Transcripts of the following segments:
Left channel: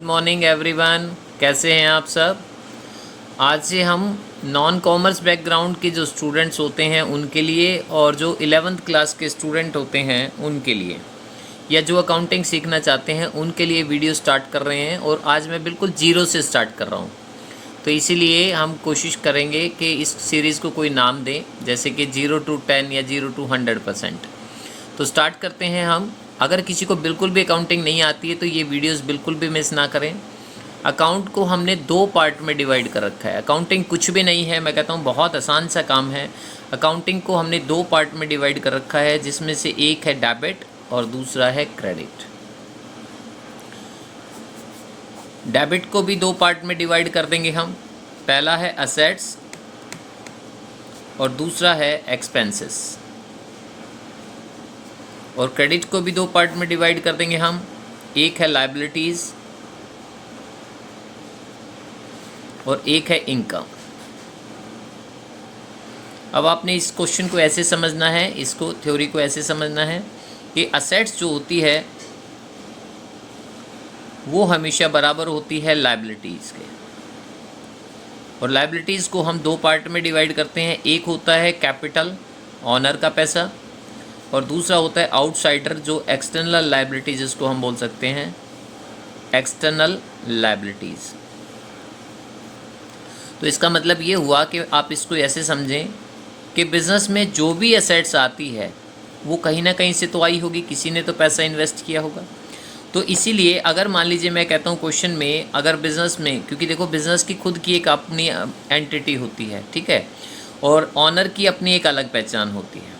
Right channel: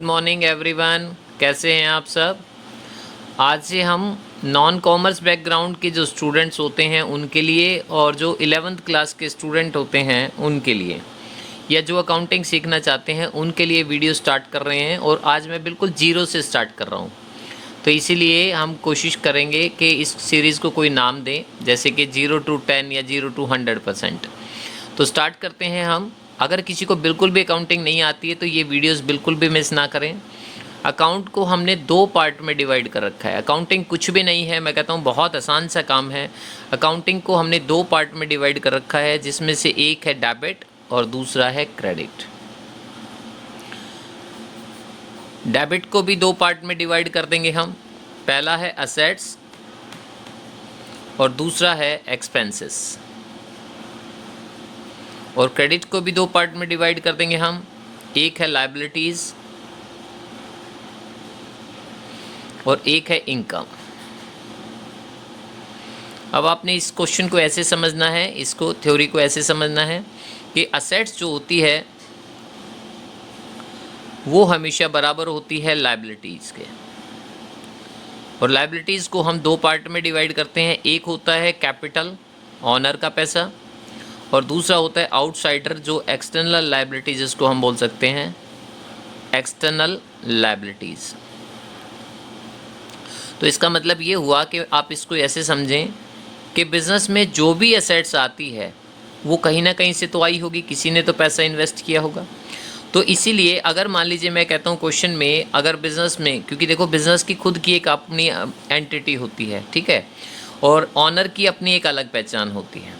Good morning everyone. कैसे हैं आप सब। आज से हम नॉन कॉमर्स बैकग्राउंड के जो स्टूडेंट्स होते हैं उनके लिए और जो 11th क्लास के स्टूडेंट होते हैं उनके लिए या जो अकाउंटिंग सीखना चाहते हैं उनके लिए वीडियो स्टार्ट कर रहे हैं। और आज मैं बिल्कुल जीरो से स्टार्ट कर रहा हूँ, तो इसीलिए हम कोशिश करेंगे कि इस सीरीज़ को कोई नाम दें, जैसे कि 0 to 10 या 0 to 100%। तो स्टार्ट करते हैं हम। अगर किसी को बिल्कुल भी अकाउंटिंग नहीं आती है तो ये वीडियोस बिल्कुल भी मिस ना करें। अकाउंट को हमने 2 पार्ट में डिवाइड कर रखा है। अकाउंटिंग कुछ भी नहीं है, मैं कहता हूँ बहुत आसान सा काम है। अकाउंटिंग को हमने 2 पार्ट में डिवाइड कर रखा है, जिसमें से एक है डेबिट और दूसरा है क्रेडिट। डेबिट को भी 2 पार्ट में डिवाइड कर देंगे हम। पहला है असेट्स और दूसरा है एक्सपेंसेस। और क्रेडिट को भी 2 पार्ट में डिवाइड कर देंगे हम। एक है लायबिलिटीज़ और एक है इनकम। अब आपने इस क्वेश्चन को ऐसे समझना है, इसको थ्योरी को ऐसे समझना है कि असेट्स जो होती है वो हमेशा बराबर होती है लायबिलिटीज़ के। और लायबिलिटीज़ को हम 2 पार्ट में डिवाइड करते हैं। एक होता है कैपिटल, ऑनर का पैसा, और दूसरा होता है आउटसाइडर, जो एक्सटर्नल लायबिलिटीज़, इसको हम बोल सकते हैं एक्सटर्नल लायबिलिटीज़। तो इसका मतलब ये हुआ कि आप इसको ऐसे समझें कि बिज़नेस में जो भी एसेट्स आती है वो कहीं ना कहीं से तो आई होगी, किसी ने तो पैसा इन्वेस्ट किया होगा। तो इसीलिए अगर मान लीजिए मैं कहता हूँ क्वेश्चन में, अगर बिज़नेस में, क्योंकि देखो बिज़नेस की खुद की एक अपनी एंटिटी होती है, ठीक है, और ऑनर की अपनी एक अलग पहचान होती है।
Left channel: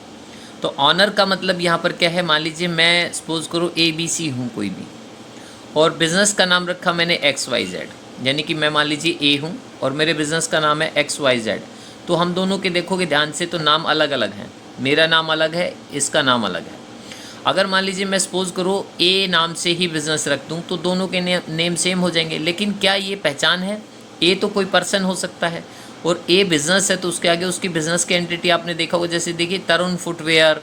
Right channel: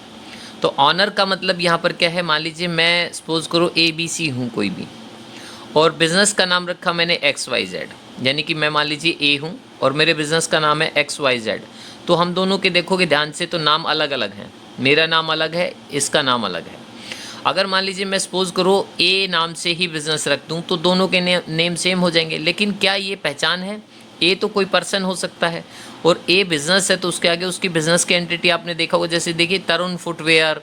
तो ऑनर का मतलब यहाँ पर क्या है, मान लीजिए मैं सपोज़ करो ABC हूँ कोई भी, और बिज़नेस का नाम रखा मैंने XYZ, यानी कि मैं मान लीजिए A हूँ और मेरे बिज़नेस का नाम है XYZ। तो हम दोनों के देखोगे ध्यान से तो नाम अलग अलग हैं, मेरा नाम अलग है, इसका नाम अलग है। अगर मान लीजिए मैं सपोज़ करो A नाम से ही बिज़नेस रख दूँ तो दोनों के नेम सेम हो जाएंगे, लेकिन क्या ये पहचान है? A तो कोई पर्सन हो सकता है और A बिज़नेस है, तो उसके आगे उसकी बिज़नेस की एंटिटी आपने देखा होगा, जैसे देखिए तरुण फुटवेयर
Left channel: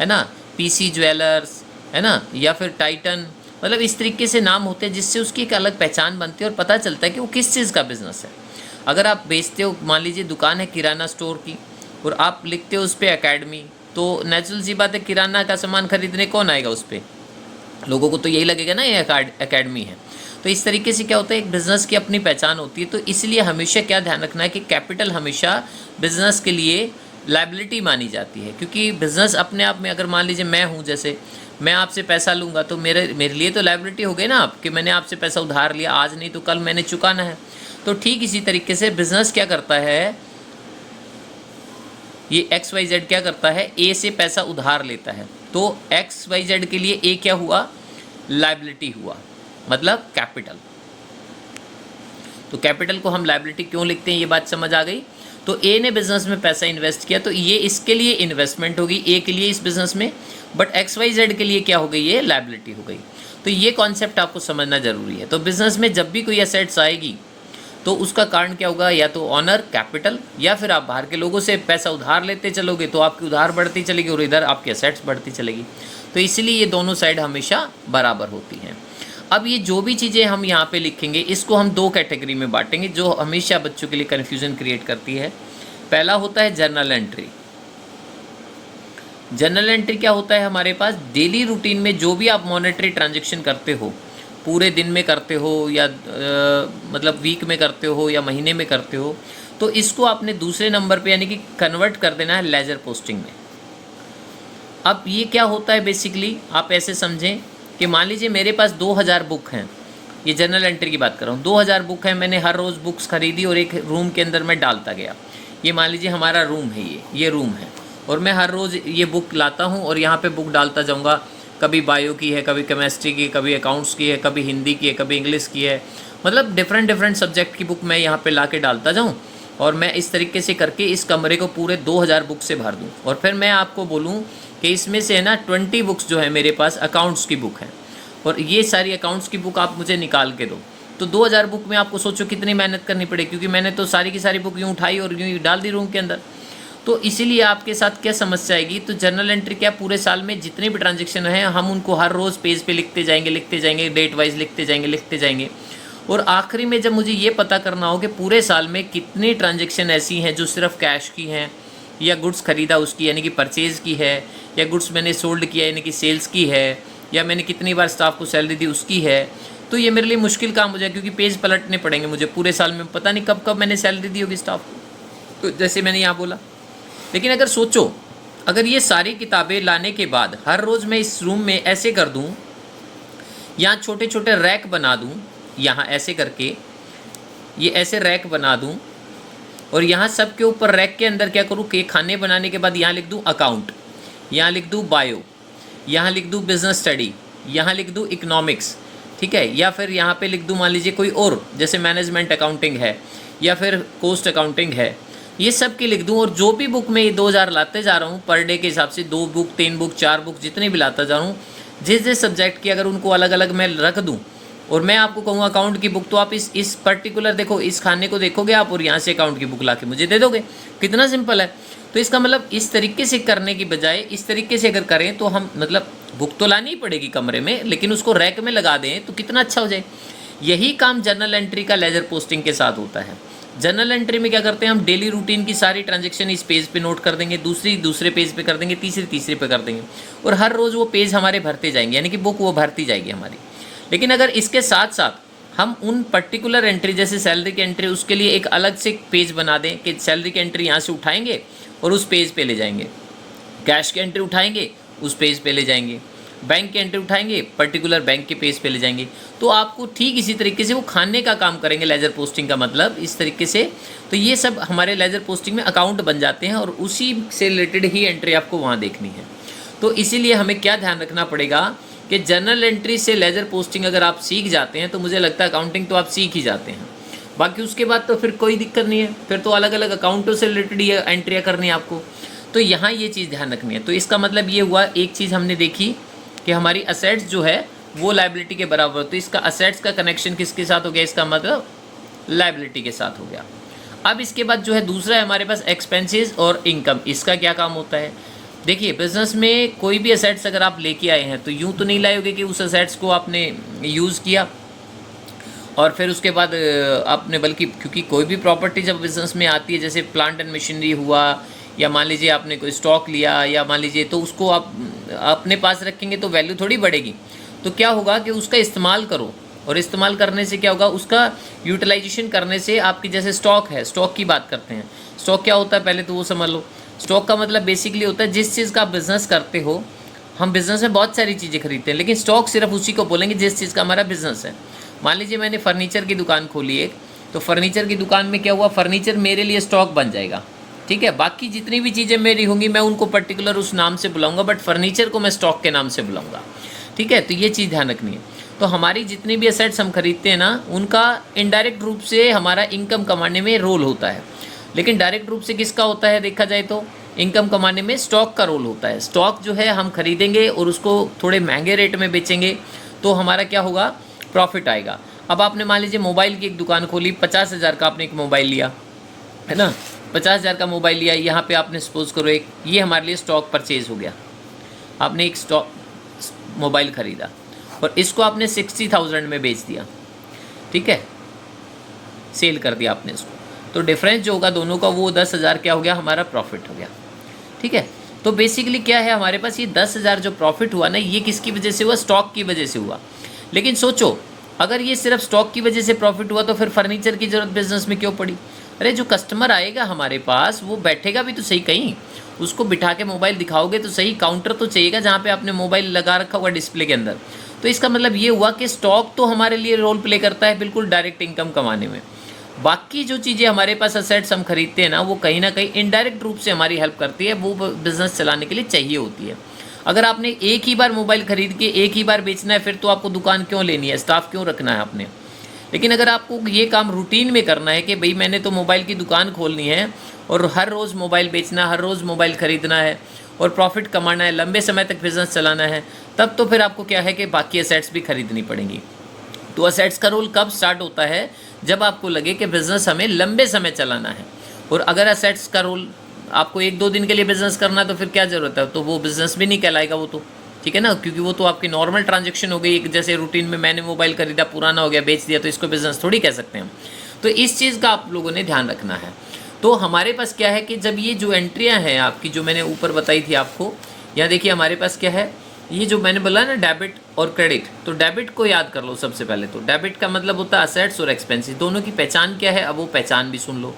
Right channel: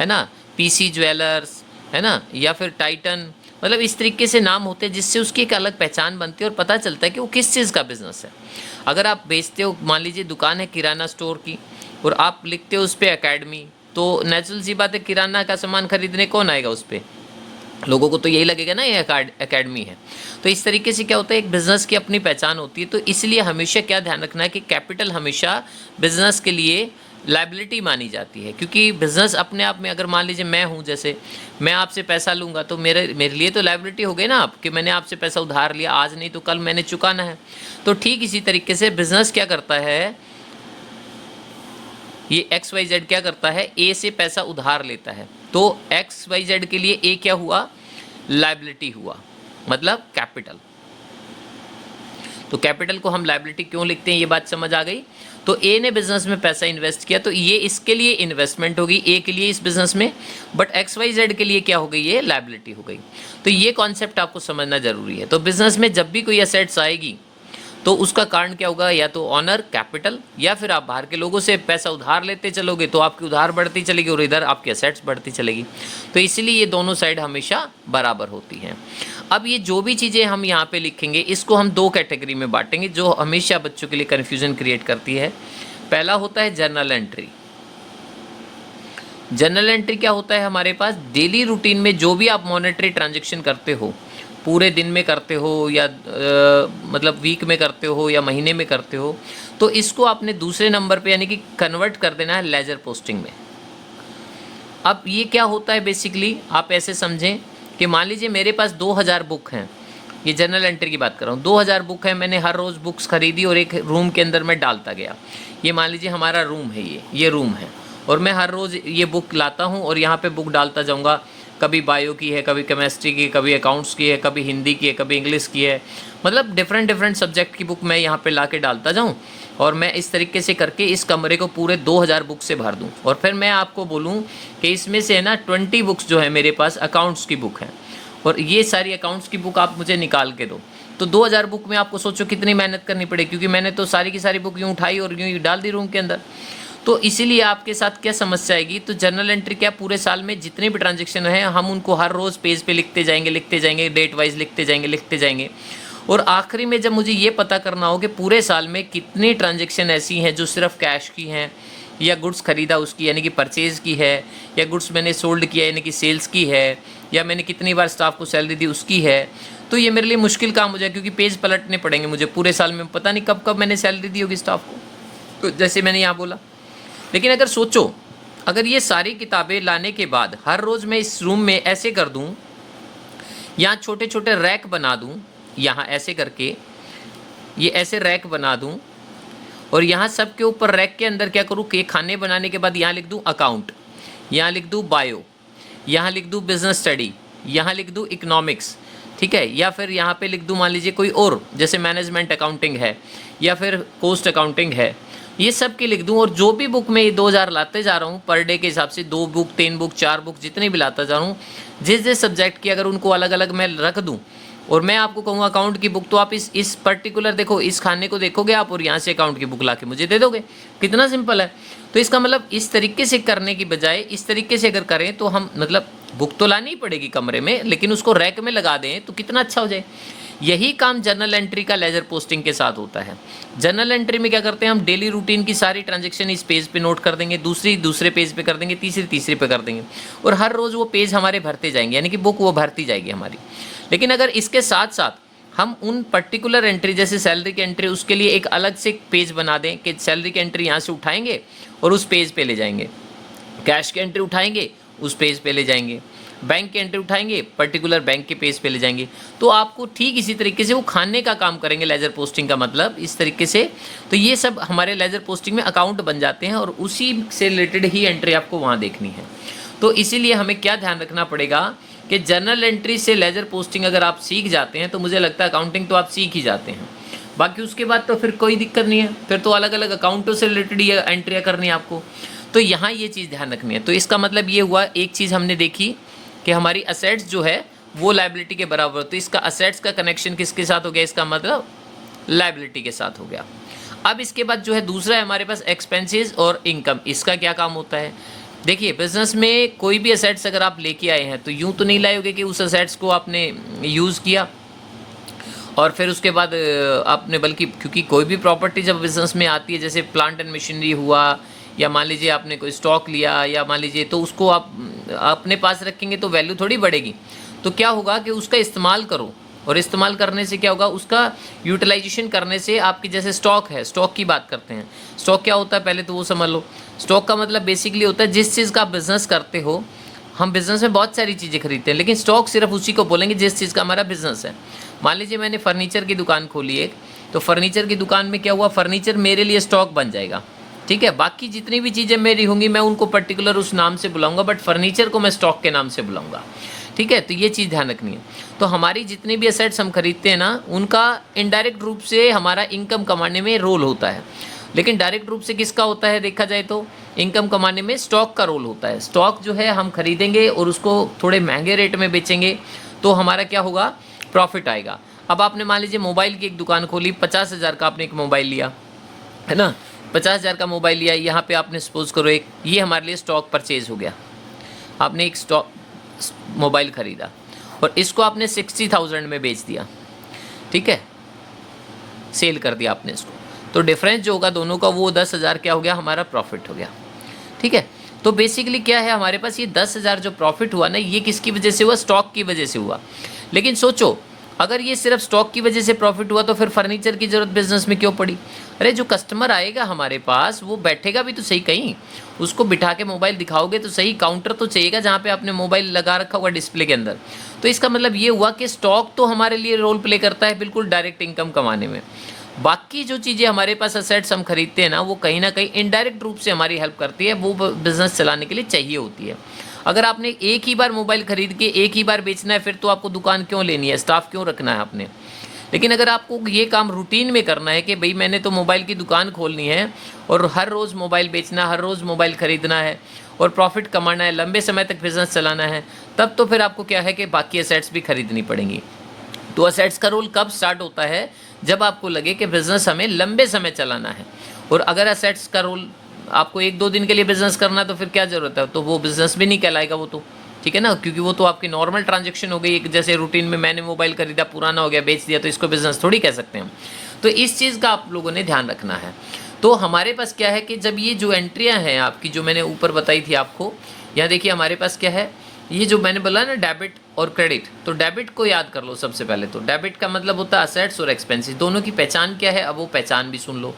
है ना, PC ज्वेलर्स है ना, या फिर टाइटन, मतलब इस तरीके से नाम होते हैं जिससे उसकी एक अलग पहचान बनती है और पता चलता है कि वो किस चीज़ का बिज़नेस है। अगर आप बेचते हो, मान लीजिए दुकान है किराना स्टोर की और आप लिखते हो उस पर एकेडमी, तो नेचुरल सी बात है किराना का सामान खरीदने कौन आएगा उस पर, लोगों को तो यही लगेगा ना ये एकेडमी है। तो इस तरीके से क्या होता है, एक बिज़नेस की अपनी पहचान होती है। तो इसलिए हमेशा क्या ध्यान रखना है कि कैपिटल हमेशा बिज़नेस के लिए लायबिलिटी मानी जाती है, क्योंकि बिज़नेस अपने आप में, अगर मान लीजिए मैं हूँ, जैसे मैं आपसे पैसा लूँगा तो मेरे लिए तो लायबिलिटी हो गई ना आप, कि मैंने आपसे पैसा उधार लिया, आज नहीं तो कल मैंने चुकाना है। तो ठीक इसी तरीके से बिज़नेस क्या करता है, ये XYZ क्या करता है, A से पैसा उधार लेता है। तो XYZ के लिए A क्या हुआ, लायबिलिटी हुआ, मतलब कैपिटल। तो कैपिटल को हम लायबिलिटी क्यों लिखते हैं, ये बात समझ आ गई। तो A ने बिजनेस में पैसा इन्वेस्ट किया तो ये इसके लिए इन्वेस्टमेंट होगी, A के लिए इस बिजनेस में, बट XYZ के लिए क्या हो गई, ये लायबिलिटी हो गई। तो ये कॉन्सेप्ट आपको समझना जरूरी है। तो बिजनेस में जब भी कोई एसेट्स आएगी तो उसका कारण क्या होगा, या तो ऑनर कैपिटल, या फिर आप बाहर के लोगों से पैसा उधार लेते चलोगे तो आपकी उधार बढ़ती चलेगी और इधर आपकी एसेट्स बढ़ती चलेगी। तो इसीलिए ये दोनों साइड हमेशा बराबर होती हैं। अब ये जो भी चीज़ें हम यहाँ पे लिखेंगे इसको हम 2 कैटेगरी में बांटेंगे, जो हमेशा बच्चों के लिए कन्फ्यूज़न क्रिएट करती है। पहला होता है जर्नल एंट्री। जर्नल एंट्री क्या होता है, हमारे पास डेली रूटीन में जो भी आप मॉनेटरी ट्रांजेक्शन करते हो, पूरे दिन में करते हो या मतलब वीक में करते हो या महीने में करते हो, तो इसको आपने दूसरे नंबर पे यानी कि कन्वर्ट कर देना है लेजर पोस्टिंग में। अब ये क्या होता है, बेसिकली आप ऐसे समझें कि मान लीजिए मेरे पास 2000 बुक हैं, ये जनरल एंट्री की बात कर रहा हूँ, 2000 बुक है, मैंने हर रोज़ बुक्स खरीदी और एक रूम के अंदर मैं डालता गया। ये मान लीजिए हमारा रूम है, ये रूम है, और मैं हर रोज़ ये बुक लाता हूँ और यहाँ पे बुक डालता जाऊँगा। कभी बायो की है, कभी केमिस्ट्री की, कभी अकाउंट्स की है, कभी हिंदी की है, कभी इंग्लिश की है, मतलब डिफरेंट सब्जेक्ट की बुक मैं यहाँ पे ला के डालता जाऊँ। और मैं इस तरीके से करके इस कमरे को पूरे 2000 बुक से भर दूँ। और फिर मैं आपको बोलूँ कि इसमें से है ना 20 बुक्स जो है मेरे पास अकाउंट्स की बुक है, और ये सारी अकाउंट्स की बुक आप मुझे निकाल के दो। तो 2000 बुक में आपको सोचो कितनी मेहनत करनी पड़े, क्योंकि मैंने तो सारी की सारी बुक यूँ उठाई और यूँ डाल दी रूम के अंदर। तो इसीलिए आपके साथ क्या समस्या आएगी, तो जर्नल एंट्री क्या, पूरे साल में जितने भी ट्रांजेक्शन हैं हम उनको हर रोज़ पेज पे लिखते जाएंगे, डेट वाइज लिखते जाएंगे। और आखिरी में जब मुझे ये पता करना हो कि पूरे साल में कितनी ट्रांजेक्शन ऐसी हैं जो सिर्फ कैश की हैं, या गुड्स खरीदा उसकी यानी कि परचेज़ की है, या गुड्स मैंने सोल्ड किया यानी कि सेल्स की है, या मैंने कितनी बार स्टाफ को सैलरी दी उसकी है, तो ये मेरे लिए मुश्किल काम हो जाए, क्योंकि पेज पलटने पड़ेंगे मुझे पूरे साल में, पता नहीं कब कब मैंने सैलरी दी होगी स्टाफ को, तो जैसे मैंने यहाँ बोला। लेकिन अगर सोचो, अगर ये सारी किताबें लाने के बाद हर रोज़ मैं इस रूम में ऐसे कर दूँ, यहाँ छोटे छोटे रैक बना दूँ, यहाँ ऐसे करके ये ऐसे रैक बना दूँ, और यहाँ सब के ऊपर रैक के अंदर क्या करूँ कि खाने बनाने के बाद यहाँ लिख दूँ अकाउंट, यहाँ लिख दूँ बायो, यहाँ लिख दूँ बिजनेस स्टडी, यहाँ लिख दूँ इकोनॉमिक्स, ठीक है, या फिर यहाँ पे लिख दूँ मान लीजिए कोई और, जैसे मैनेजमेंट अकाउंटिंग है या फिर कॉस्ट अकाउंटिंग है, ये सब की लिख दूँ। और जो भी बुक मैं ये 2000 लाते जा रहा हूँ पर डे के हिसाब से, 2 बुक 3 बुक 4 बुक जितने भी लाता जा रहा हूँ, जिस सब्जेक्ट की अगर उनको अलग अलग मैं रख दूँ, और मैं आपको कहूँ अकाउंट की बुक, तो आप इस पर्टिकुलर देखो, इस खाने को देखोगे आप, और यहाँ से अकाउंट की बुक ला के मुझे दे दोगे, कितना सिंपल है। तो इसका मतलब इस तरीके से करने की बजाय इस तरीके से अगर करें तो हम, मतलब बुक तो लानी ही पड़ेगी कमरे में, लेकिन उसको रैक में लगा दें तो कितना अच्छा हो जाए। यही काम जर्नल एंट्री का लेजर पोस्टिंग के साथ होता है। जर्नल एंट्री में क्या करते हैं हम, डेली रूटीन की सारी ट्रांजेक्शन इस पेज पे नोट कर देंगे, दूसरे पेज पे कर देंगे, तीसरे पे कर देंगे, और हर रोज़ वो पेज हमारे भरते जाएंगे, यानी कि बुक वो भरती जाएगी हमारी। लेकिन अगर इसके साथ साथ हम उन पर्टिकुलर एंट्री, जैसे सैलरी की एंट्री, उसके लिए एक अलग से पेज बना दें कि सैलरी की एंट्री यहाँ से उठाएंगे और उस पेज पे ले जाएंगे, कैश की एंट्री उठाएंगे उस पेज पे ले जाएंगे, बैंक की एंट्री उठाएंगे पर्टिकुलर बैंक के पेज पे ले जाएंगे, तो आपको ठीक इसी तरीके से वो खाने का काम करेंगे लेजर पोस्टिंग का मतलब इस तरीके से। तो ये सब हमारे लेजर पोस्टिंग में अकाउंट बन जाते हैं, और उसी से रिलेटेड ही एंट्री आपको वहाँ देखनी है। तो इसीलिए हमें क्या ध्यान रखना पड़ेगा कि जर्नल एंट्री से लेजर पोस्टिंग अगर आप सीख जाते हैं तो मुझे लगता है अकाउंटिंग तो आप सीख ही जाते हैं। बाकी उसके बाद तो फिर कोई दिक्कत नहीं है, फिर तो अलग अलग अकाउंटों से रिलेटेड ये एंट्रियाँ करनी है आपको। तो यहाँ ये चीज़ ध्यान रखनी है। तो इसका मतलब ये हुआ, एक चीज़ हमने देखी कि हमारी असेट्स जो है वो लायबिलिटी के बराबर, तो इसका असेट्स का कनेक्शन किसके साथ हो गया, इसका मतलब लायबिलिटी के साथ हो गया। अब इसके बाद जो है दूसरा है हमारे पास एक्सपेंसेस और इनकम। इसका क्या काम होता है, देखिए बिजनेस में कोई भी असेट्स अगर आप लेके आए हैं तो यूँ तो नहीं लाए होगे कि उस असेट्स को आपने यूज़ किया और फिर उसके बाद आपने, बल्कि क्योंकि कोई भी प्रॉपर्टी जब बिजनेस में आती है, जैसे प्लांट एंड मशीनरी हुआ, या मान लीजिए आपने कोई स्टॉक लिया, या मान लीजिए, तो उसको आप अपने पास रखेंगे तो वैल्यू थोड़ी बढ़ेगी। तो क्या होगा कि उसका इस्तेमाल करो, और इस्तेमाल करने से क्या होगा, उसका यूटिलाइजेशन करने से आपकी, जैसे स्टॉक है, स्टॉक की बात करते हैं। स्टॉक क्या होता है पहले तो वो समझ लो। स्टॉक का मतलब बेसिकली होता है जिस चीज़ का आप बिज़नेस करते हो। हम बिज़नेस में बहुत सारी चीज़ें खरीदते हैं, लेकिन स्टॉक सिर्फ उसी को बोलेंगे जिस चीज़ का हमारा बिज़नेस है। मान लीजिए मैंने फर्नीचर की दुकान खोली एक, तो फर्नीचर की दुकान में क्या हुआ, फर्नीचर मेरे लिए स्टॉक बन जाएगा, ठीक है। बाकी जितनी भी चीज़ें मेरी होंगी मैं उनको पर्टिकुलर उस नाम से बुलाऊंगा, बट फर्नीचर को मैं स्टॉक के नाम से बुलाऊंगा, ठीक है। तो ये चीज़ ध्यान रखनी है। तो हमारी जितनी भी एसेट्स हम खरीदते हैं ना, उनका इनडायरेक्ट रूप से हमारा इनकम कमाने में रोल होता है, लेकिन डायरेक्ट रूप से किसका होता है, देखा जाए तो इनकम कमाने में स्टॉक का रोल होता है। स्टॉक जो है हम खरीदेंगे और उसको थोड़े महंगे रेट में बेचेंगे तो हमारा क्या होगा, प्रॉफिट आएगा। अब आपने मान लीजिए मोबाइल की एक दुकान खोली, 50,000 का आपने एक मोबाइल लिया, है ना, 50,000 का मोबाइल लिया, यहाँ पे आपने सपोज करो एक, ये हमारे लिए स्टॉक परचेज हो गया। आपने एक स्टॉक मोबाइल ख़रीदा और इसको आपने 60,000 में बेच दिया, ठीक है, सेल कर दिया आपने इसको। तो डिफरेंस जो होगा दोनों का, वो 10,000 क्या हो गया, हमारा प्रॉफिट हो गया, ठीक है। तो बेसिकली क्या है, हमारे पास ये 10,000 जो प्रॉफिट हुआ ना, ये किसकी वजह से हुआ, स्टॉक की वजह से हुआ। लेकिन सोचो, अगर ये सिर्फ स्टॉक की वजह से प्रॉफिट हुआ तो फिर फर्नीचर की ज़रूरत बिजनेस में क्यों पड़ी। अरे जो कस्टमर आएगा हमारे पास, वो बैठेगा भी तो सही कहीं, उसको बिठा के मोबाइल दिखाओगे तो सही, काउंटर तो चाहिएगा जहाँ पे आपने मोबाइल लगा रखा होगा डिस्प्ले के अंदर। तो इसका मतलब ये हुआ कि स्टॉक तो हमारे लिए रोल प्ले करता है बिल्कुल डायरेक्ट इनकम कमाने में। बाकी जो चीज़ें हमारे पास असेट्स हम खरीदते हैं ना, वो कहीं ना कहीं इनडायरेक्ट रूप से हमारी हेल्प करती है, वो बिज़नेस चलाने के लिए चाहिए होती है। अगर आपने एक ही बार मोबाइल खरीद के एक ही बार बेचना है, फिर तो आपको दुकान क्यों लेनी है, स्टाफ क्यों रखना है आपने। लेकिन अगर आपको ये काम रूटीन में करना है कि भाई मैंने तो मोबाइल की दुकान खोलनी है और हर रोज़ मोबाइल बेचना, हर रोज़ मोबाइल ख़रीदना है और प्रॉफिट कमाना है, लंबे समय तक बिज़नेस चलाना है, तब तो फिर आपको क्या है कि बाकी असेट्स भी खरीदनी पड़ेंगी। तो असेट्स का रोल कब स्टार्ट होता है, जब आपको लगे कि बिज़नेस हमें लंबे समय चलाना है। और अगर असेट्स का रोल आपको 1-2 दिन के लिए बिजनेस करना है तो फिर क्या ज़रूरत है, तो वो बिजनेस भी नहीं कहलाएगा वो तो, ठीक है ना, क्योंकि वो तो आपकी नॉर्मल ट्रांजैक्शन हो गई। एक जैसे रूटीन में मैंने मोबाइल खरीदा, पुराना हो गया, बेच दिया, तो इसको बिजनेस थोड़ी कह सकते हैं हम। तो इस चीज़ का आप लोगों ने ध्यान रखना है। तो हमारे पास क्या है कि जब ये जो एंट्रियाँ हैं आपकी, जो मैंने ऊपर बताई थी आपको, यहाँ देखिए हमारे पास क्या है, ये जो मैंने बोला ना डेबिट और क्रेडिट, तो डेबिट को याद कर लो सबसे पहले। तो डेबिट का मतलब होता है असेट्स और एक्सपेंसेस, दोनों की पहचान क्या है, अब वो पहचान भी सुन लो।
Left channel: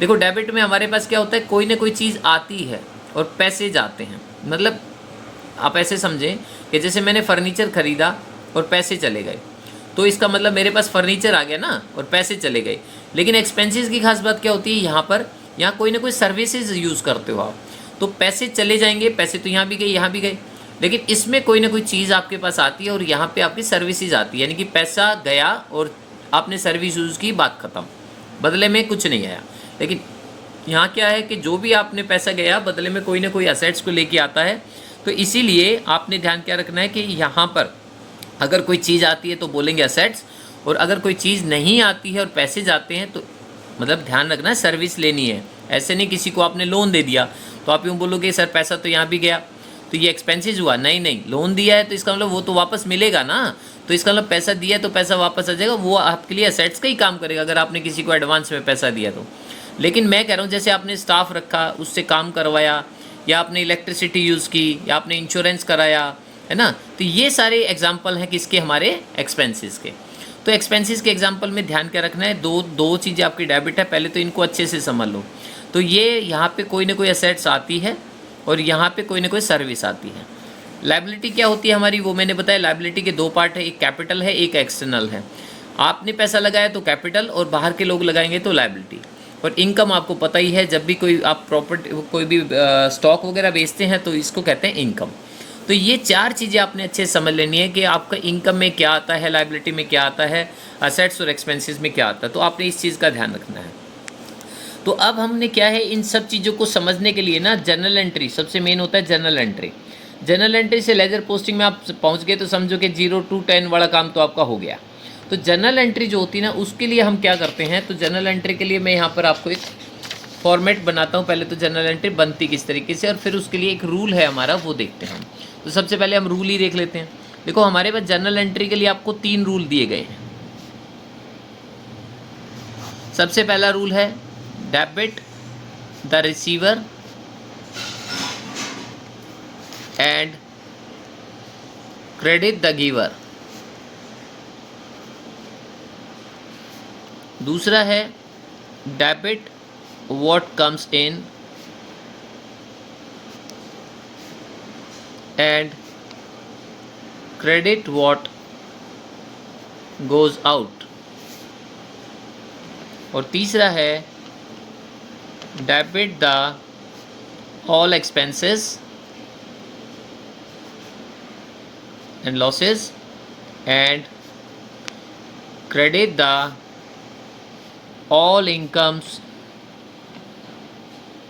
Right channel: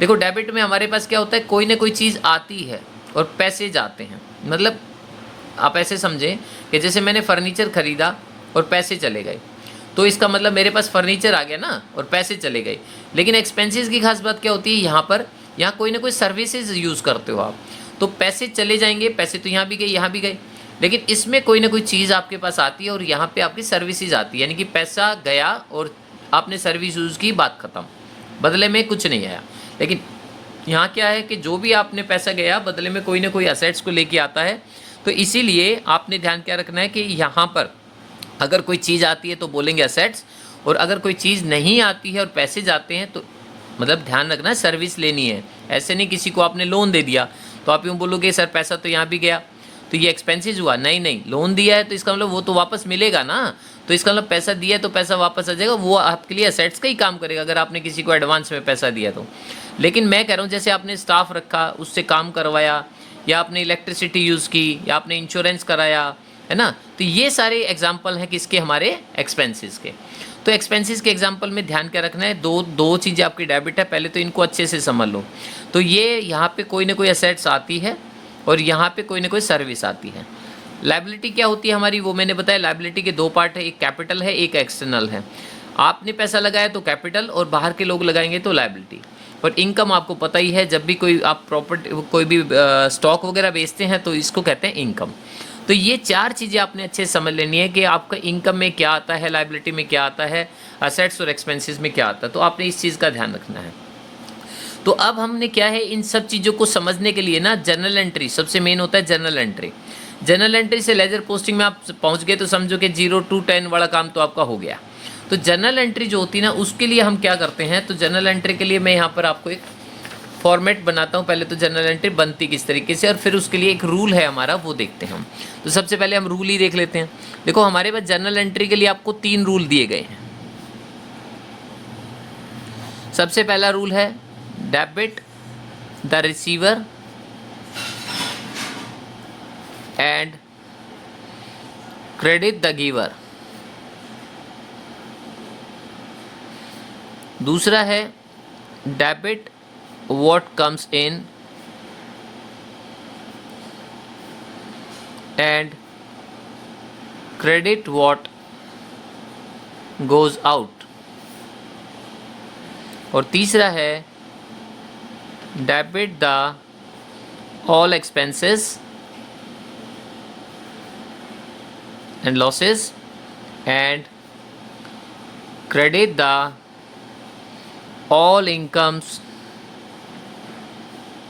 देखो डेबिट में हमारे पास क्या होता है, कोई ना कोई चीज़ आती है और पैसे जाते हैं। मतलब आप ऐसे समझें कि जैसे मैंने फर्नीचर खरीदा और पैसे चले गए, तो इसका मतलब मेरे पास फर्नीचर आ गया ना और पैसे चले गए। लेकिन एक्सपेंसेस की खास बात क्या होती है, यहाँ कोई ना कोई सर्विसेज यूज़ करते हो आप, तो पैसे चले जाएंगे, पैसे तो यहाँ भी गए, यहाँ भी गए, लेकिन इसमें कोई ना कोई चीज़ आपके पास आती है और यहाँ पे आपकी सर्विसेज आती है, यानी कि पैसा गया और आपने सर्विस यूज़ की, बात ख़त्म, बदले में कुछ नहीं आया। लेकिन यहाँ क्या है कि जो भी आपने पैसा गया, बदले में कोई ना कोई असेट्स को लेके आता है। तो इसीलिए आपने ध्यान क्या रखना है कि यहाँ पर अगर कोई चीज़ आती है तो बोलेंगे असेट्स, और अगर कोई चीज़ नहीं आती है और पैसे जाते हैं तो मतलब ध्यान रखना है सर्विस लेनी है। ऐसे नहीं किसी को आपने लोन दे दिया तो आप यूँ बोलोगे सर पैसा तो यहाँ भी गया तो ये एक्सपेंसेस हुआ, नहीं नहीं, लोन दिया है तो इसका मतलब वो तो वापस मिलेगा ना, तो इसका मतलब पैसा दिया है तो पैसा वापस आ जाएगा, वो आपके लिए असेट्स का ही काम करेगा अगर आपने किसी को एडवांस में पैसा दिया तो। लेकिन मैं कह रहा हूँ जैसे आपने स्टाफ रखा, उससे काम करवाया, या आपने इलेक्ट्रिसिटी यूज़ की, या आपने इंश्योरेंस कराया, है ना, तो ये सारे एग्जाम्पल हैं किसके, हमारे एक्सपेंसेस के। तो एक्सपेंसेस के एग्जाम्पल में ध्यान क्या रखना है, दो चीज़ें आपकी डेबिट है, पहले तो इनको अच्छे से समझ लो। तो ये यहाँ पे कोई ना कोई असेट्स आती है और यहाँ पे कोई ना कोई सर्विस आती है। लायबिलिटी क्या होती है हमारी, वो मैंने बताया, लायबिलिटी के दो पार्ट है, एक कैपिटल है, एक एक्सटर्नल है। आपने पैसा लगाया तो कैपिटल, और बाहर के लोग लगाएंगे तो लायबिलिटी। और इनकम आपको पता ही है, जब भी कोई आप प्रॉपर्टी कोई भी स्टॉक वगैरह बेचते हैं तो इसको कहते हैं इनकम। तो ये चार चीज़ें आपने अच्छे से समझ लेनी है कि आपका इनकम में क्या आता है, लायबिलिटी में क्या आता है, असेट्स और एक्सपेंसेस में क्या आता है, तो आपने इस चीज़ का ध्यान रखना है। तो अब हमने क्या है, इन सब चीज़ों को समझने के लिए ना जर्नल एंट्री सबसे मेन होता है। जर्नल एंट्री, जर्नल एंट्री से लेजर पोस्टिंग में आप पहुंच गए तो समझो कि 0 to 10 वाला काम तो आपका हो गया। तो जर्नल एंट्री जो होती है ना, उसके लिए हम क्या करते हैं, तो जर्नल एंट्री के लिए मैं यहाँ पर आपको एक फॉर्मेट बनाता हूँ। पहले तो जर्नल एंट्री बनती किस तरीके से, और फिर उसके लिए एक रूल है हमारा, वो देखते हैं हम। तो सबसे पहले हम रूल ही देख लेते हैं। देखो हमारे पास जर्नल एंट्री के लिए आपको 3 रूल दिए गए हैं। सबसे पहला रूल है debit the receiver and credit the giver. दूसरा है debit what comes in and credit what goes out। और तीसरा है debit the all expenses and losses and credit the all incomes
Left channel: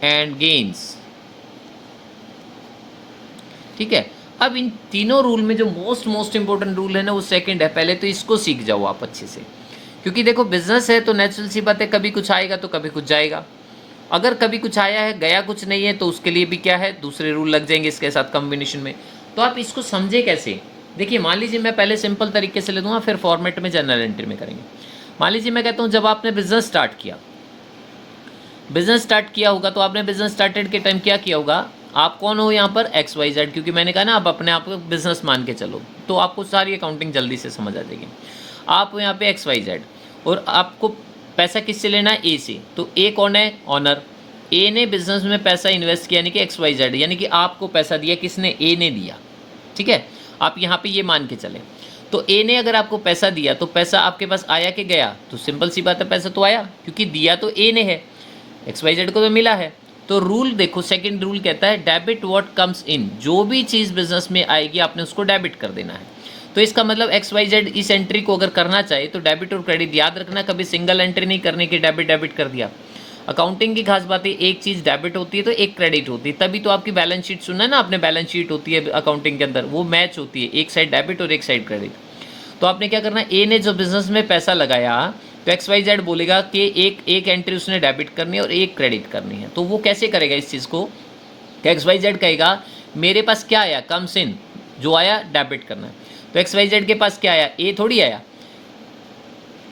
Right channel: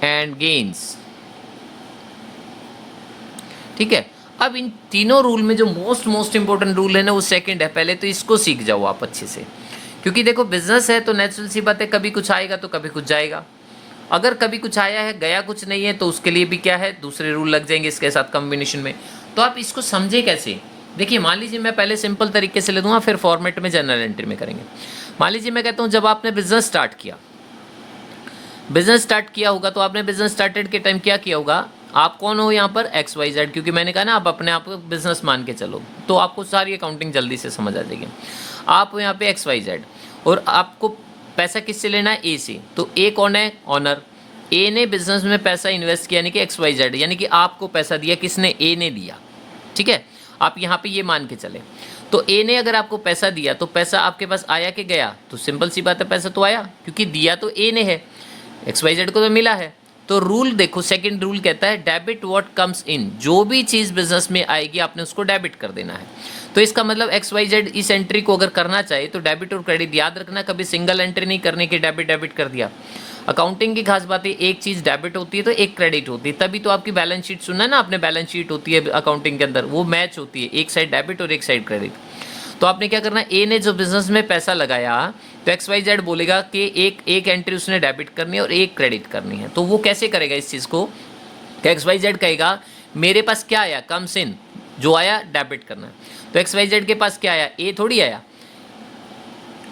and gains. ठीक है, अब इन तीनों रूल में जो मोस्ट इंपॉर्टेंट रूल है ना, वो सेकंड है। पहले तो इसको सीख जाओ आप अच्छे से, क्योंकि देखो बिजनेस है तो नेचुरल सी बात है, कभी कुछ आएगा तो कभी कुछ जाएगा। अगर कभी कुछ आया है, गया कुछ नहीं है, तो उसके लिए भी क्या है, दूसरे रूल लग जाएंगे इसके साथ कॉम्बिनेशन में। तो आप इसको समझे कैसे, देखिए मान लीजिए मैं पहले सिंपल तरीके से ले दूंगा, फिर फॉर्मेट में जर्नल एंट्री में करेंगे। मान लीजिए मैं कहता हूँ जब आपने बिजनेस स्टार्ट किया होगा, तो आपने बिजनेस स्टार्टेड के टाइम क्या किया होगा, आप कौन हो यहाँ पर, XYZ, क्योंकि मैंने कहा ना आप अपने आप को बिजनेस मान के चलो, तो आपको सारी अकाउंटिंग जल्दी से समझ आ जाएगी। आप यहाँ पे XYZ, और आपको पैसा किससे लेना है, A से। तो A कौन है, ऑनर। A ने बिजनेस में पैसा इन्वेस्ट किया, यानी कि XYZ, यानी कि आपको पैसा दिया किसने, A ने दिया। ठीक है, आप यहाँ पे ये मान के चले। तो A ने अगर आपको पैसा दिया तो पैसा आपके पास आया कि गया, तो सिंपल सी बात है पैसा तो आया, क्योंकि दिया तो A ने है, XYZ को तो मिला है। तो रूल देखो, सेकंड रूल कहता है डेबिट व्हाट कम्स इन, जो भी चीज़ बिजनेस में आएगी आपने उसको डेबिट कर देना है। तो इसका मतलब XYZ इस एंट्री को अगर करना चाहे तो डेबिट और क्रेडिट, याद रखना कभी सिंगल एंट्री नहीं करने की डेबिट कर दिया। अकाउंटिंग की खास बात है, एक चीज़ डेबिट होती है तो एक क्रेडिट होती है, तभी तो आपकी बैलेंस शीट सुना है ना आपने, बैलेंस शीट होती है अकाउंटिंग के अंदर, वो मैच होती है, एक साइड डेबिट और एक साइड क्रेडिट। तो आपने क्या करना है, A ने जो बिजनेस में पैसा लगाया, तो XYZ बोलेगा कि एक एंट्री उसने डेबिट करनी है और एक क्रेडिट करनी है। तो वो कैसे करेगा इस चीज़ को कि XYZ कहेगा मेरे पास क्या आया, कम्स इन, जो आया डेबिट करना। तो XYZ के पास क्या आया, ए थोड़ी आया,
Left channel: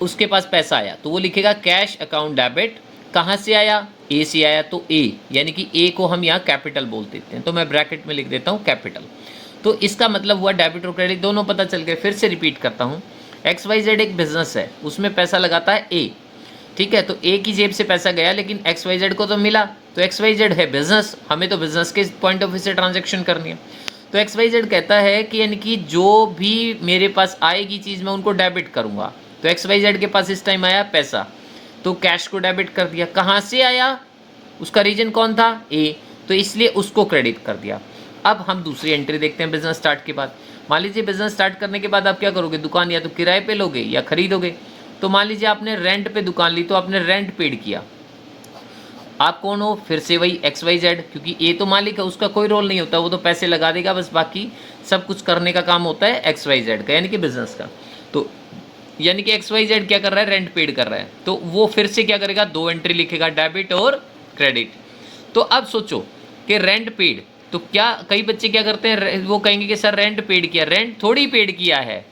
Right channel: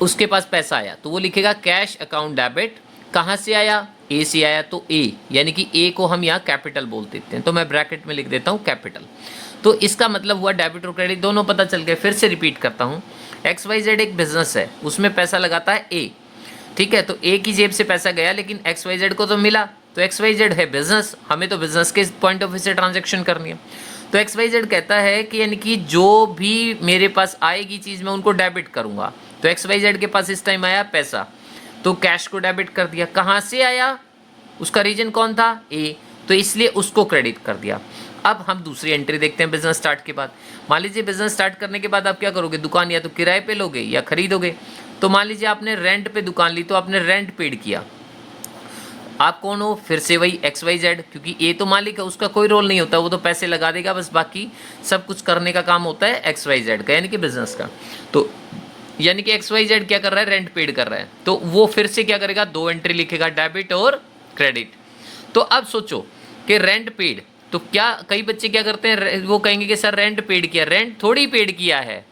उसके पास पैसा आया, तो वो लिखेगा कैश अकाउंट डेबिट। कहाँ से आया, ए से आया, तो ए, यानी कि ए को हम यहाँ कैपिटल बोल देते हैं, तो मैं ब्रैकेट में लिख देता हूँ कैपिटल। तो इसका मतलब हुआ डेबिट और क्रेडिट दोनों पता चल गए। फिर से रिपीट करता हूँ, XYZ एक बिजनेस है, उसमें पैसा लगाता है ए, ठीक है। तो ए की जेब से पैसा गया लेकिन XYZ को तो मिला, तो XYZ है बिजनेस, हमें तो बिजनेस के पॉइंट ऑफ व्यू से ट्रांजेक्शन करनी है। तो XYZ कहता है कि यानी कि जो भी मेरे पास आएगी चीज़ मैं उनको डेबिट करूँगा। तो XYZ के पास इस टाइम आया पैसा, तो कैश को डेबिट कर दिया। कहाँ से आया, उसका रीजन कौन था, ए, तो इसलिए उसको क्रेडिट कर दिया। अब हम दूसरी एंट्री देखते हैं बिजनेस स्टार्ट के बाद। मान लीजिए बिजनेस स्टार्ट करने के बाद आप क्या करोगे, दुकान या तो किराए पे लोगे या खरीदोगे। तो मान लीजिए आपने रेंट पे दुकान ली, तो आपने रेंट पेड किया। आप कौन हो, फिर से वही XYZ, क्योंकि ए तो मालिक है, उसका कोई रोल नहीं होता, वो तो पैसे लगा देगा बस, बाकी सब कुछ करने का काम होता है XYZ का, यानी कि बिजनेस का। तो यानी कि XYZ क्या कर रहा है, रेंट पेड कर रहा है, तो वो फिर से क्या करेगा, दो एंट्री लिखेगा, डेबिट और क्रेडिट। तो अब सोचो कि रेंट पेड, तो क्या कई बच्चे क्या करते हैं, वो कहेंगे कि सर रेंट पेड किया, रेंट थोड़ी पेड किया है,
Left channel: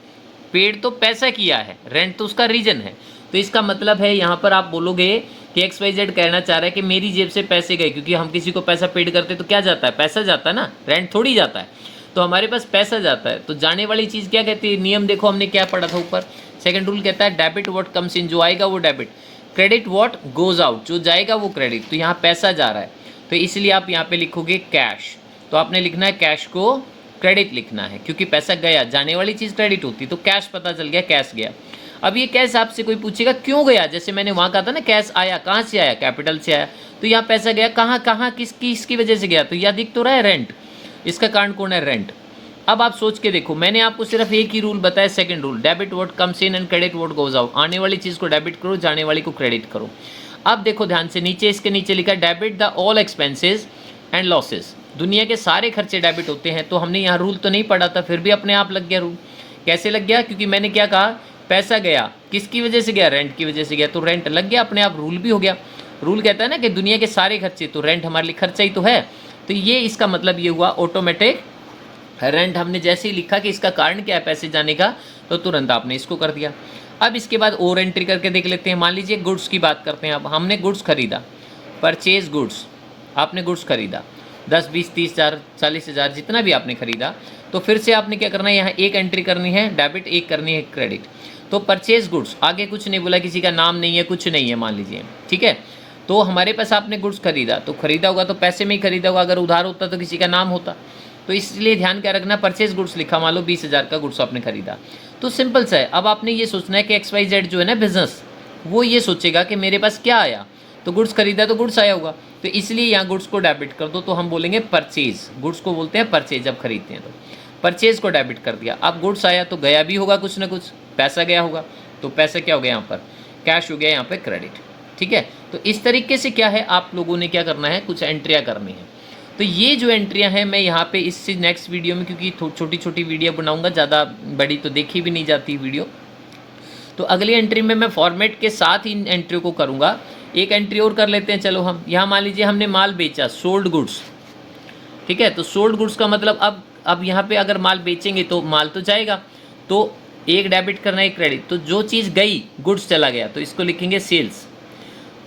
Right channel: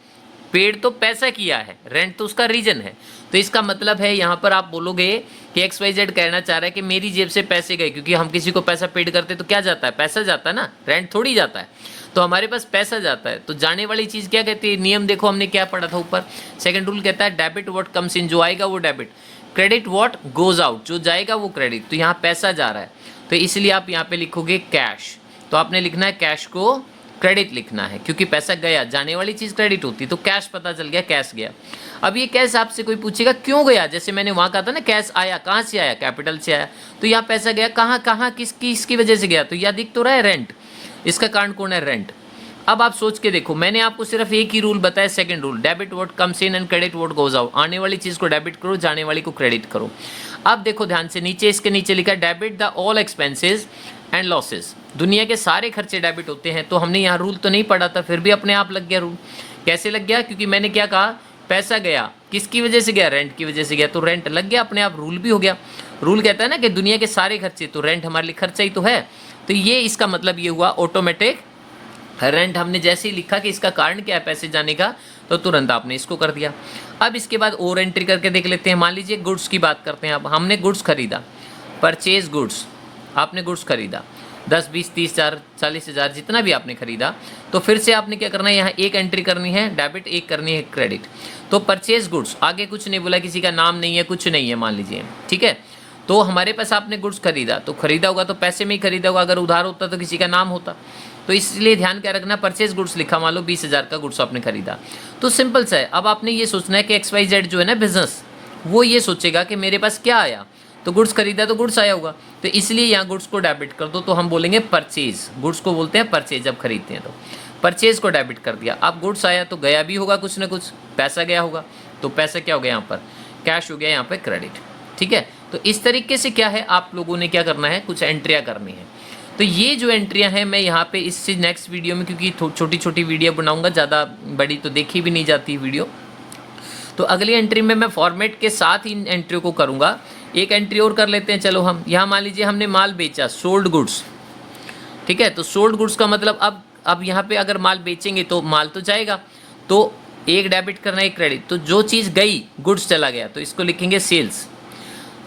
पेड तो पैसा किया है, रेंट तो उसका रीजन है। तो इसका मतलब है यहाँ पर आप बोलोगे कि XYZ कहना चाह रहा है कि मेरी जेब से पैसे गए, क्योंकि हम किसी को पैसा पेड करते तो क्या जाता है, पैसा जाता है ना, रेंट थोड़ी जाता है, तो हमारे पास पैसा जाता है। तो जाने वाली चीज़ क्या कहती है, नियम देखो हमने क्या पढ़ा था ऊपर, सेकंड रूल कहता है डेबिट व्हाट कम्स इन, जो आएगा वो debit, credit what goes out, जो जाएगा वो क्रेडिट। तो यहाँ पैसा जा रहा है, तो इसलिए आप यहाँ पे लिखोगे कैश, तो आपने लिखना है कैश को क्रेडिट लिखना है, क्योंकि पैसा गया, जाने वाली चीज़ क्रेडिट होती, तो कैश पता चल गया, कैश गया। अब ये कैश आपसे कोई पूछेगा क्यों गया, जैसे मैंने वहाँ कहा था ना, कैश आया, कहाँ से आया, कैपिटल से आया, तो यहाँ पैसा गया, कहाँ किसकी वजह से गया, तो यह दिख तो रहा है रेंट, इसका कारण कौन है, रेंट। अब आप सोच के देखो, मैंने आपको सिर्फ एक ही रूल बताया, second rule, debit what comes in and credit what goes out, आने वाली चीज़ को डेबिट करो, जाने वाली को क्रेडिट करो। अब देखो ध्यान से, नीचे इसके नीचे लिखा है debit the all expenses and losses, दुनिया के सारे खर्चे डेबिट होते हैं। तो हमने यहाँ रूल तो नहीं पढ़ा था, फिर भी अपने आप लग गया रूल। कैसे लग गया, क्योंकि मैंने क्या कहा, पैसा गया, किसकी वजह से गया, रेंट की वजह से गया, तो रेंट लग गया, अपने आप रूल भी हो गया। रूल कहता है ना कि दुनिया के सारे खर्चे, तो रेंट हमारे लिए खर्चा ही तो है, तो ये इसका मतलब ये हुआ ऑटोमेटिक रेंट। हमने जैसे ही लिखा कि इसका कारण क्या है पैसे जाने का, तो तुरंत आपने इसको कर दिया। अब इसके बाद और एंट्री करके देख लेते हैं। मान लीजिए गुड्स की बात करते हैं, अब हमने गुड्स खरीदा, परचेज गुड्स, आपने गुड्स खरीदा 10, 20, 30 हज़ार, 40 हज़ार, जितना भी आपने खरीदा, तो फिर से आपने क्या करना है, यहाँ एक एंट्री करनी है डेबिट, एक करनी है क्रेडिट। तो परचेज गुड्स, आगे कुछ नहीं बोला, किसी का नाम नहीं है, कुछ नहीं है, मान लीजिए, ठीक है। तो हमारे पास आपने गुड्स खरीदा, तो खरीदा होगा तो पैसे में ही खरीदा होगा, अगर उधार होता तो किसी का नाम होता, तो इसलिए ध्यान क्या रखना, परचेज गुड्स लिखा, मान लो 20 हज़ार का गुड्स आपने खरीदा, तो सिंपल सा है। अब आपने ये सोचना है कि XYZ जो है ना बिजनेस, वो ये सोचेगा कि मेरे पास क्या आया, तो गुड्स खरीदा तो गुड्स आया होगा, तो इसलिए यहाँ गुड्स को डेबिट कर दो, तो हम बोलेंगे परचेज, गुड्स को बोलते हैं परचेज, जब खरीदते हैं तो परचेज को डेबिट कर दिया। अब गुड्स आया तो गया भी होगा कुछ ना कुछ, पैसा गया होगा, तो पैसा क्या हो गया यहाँ पर, कैश हो गया, यहाँ पर क्रेडिट, ठीक है। तो इस तरीके से क्या है, आप लोगों ने क्या करना है, कुछ एंट्रियाँ करनी है। तो ये जो एंट्रियाँ हैं मैं यहाँ पे इससे नेक्स्ट वीडियो में, क्योंकि छोटी छोटी वीडियो बनाऊँगा, ज़्यादा बड़ी तो देखी भी नहीं जाती वीडियो, तो अगली एंट्री में मैं फॉर्मेट के साथ इन एंट्रियों को करूँगा। एक एंट्री और कर लेते हैं, चलो हम यहाँ मान लीजिए हमने माल बेचा, सोल्ड गुड्स, ठीक है। तो सोल्ड गुड्स का मतलब अब यहाँ पे अगर माल बेचेंगे तो माल तो जाएगा, तो एक डेबिट करना है, एक क्रेडिट। तो जो चीज़ गई, गुड्स चला गया, तो इसको लिखेंगे सेल्स,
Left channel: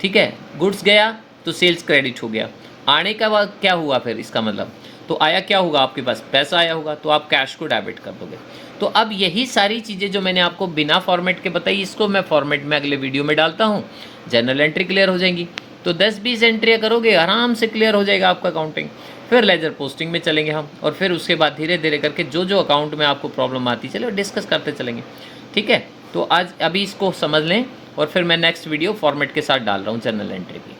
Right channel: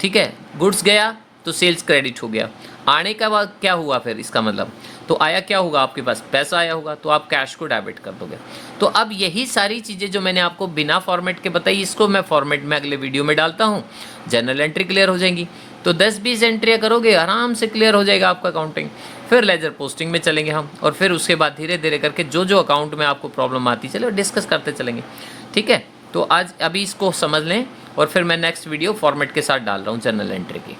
ठीक है। गुड्स गया तो सेल्स क्रेडिट हो गया। आने का बाद क्या हुआ फिर, इसका मतलब तो आया क्या होगा, आपके पास पैसा आया होगा, तो आप कैश को डेबिट कर दोगे। तो अब यही सारी चीज़ें जो मैंने आपको बिना फॉर्मेट के बताई, इसको मैं फॉर्मेट में अगले वीडियो में डालता हूँ, जनरल एंट्री क्लियर हो जाएंगी। तो 10-20 एंट्रियाँ करोगे, आराम से क्लियर हो जाएगा आपका अकाउंटिंग। फिर लेजर पोस्टिंग में चलेंगे हम, और फिर उसके बाद धीरे धीरे करके जो जो अकाउंट में आपको प्रॉब्लम आती चले डिस्कस करते चलेंगे, ठीक है। तो आज अभी इसको समझ लें, और फिर मैं नेक्स्ट वीडियो फॉर्मेट के साथ डाल रहा हूँ जनरल एंट्री की।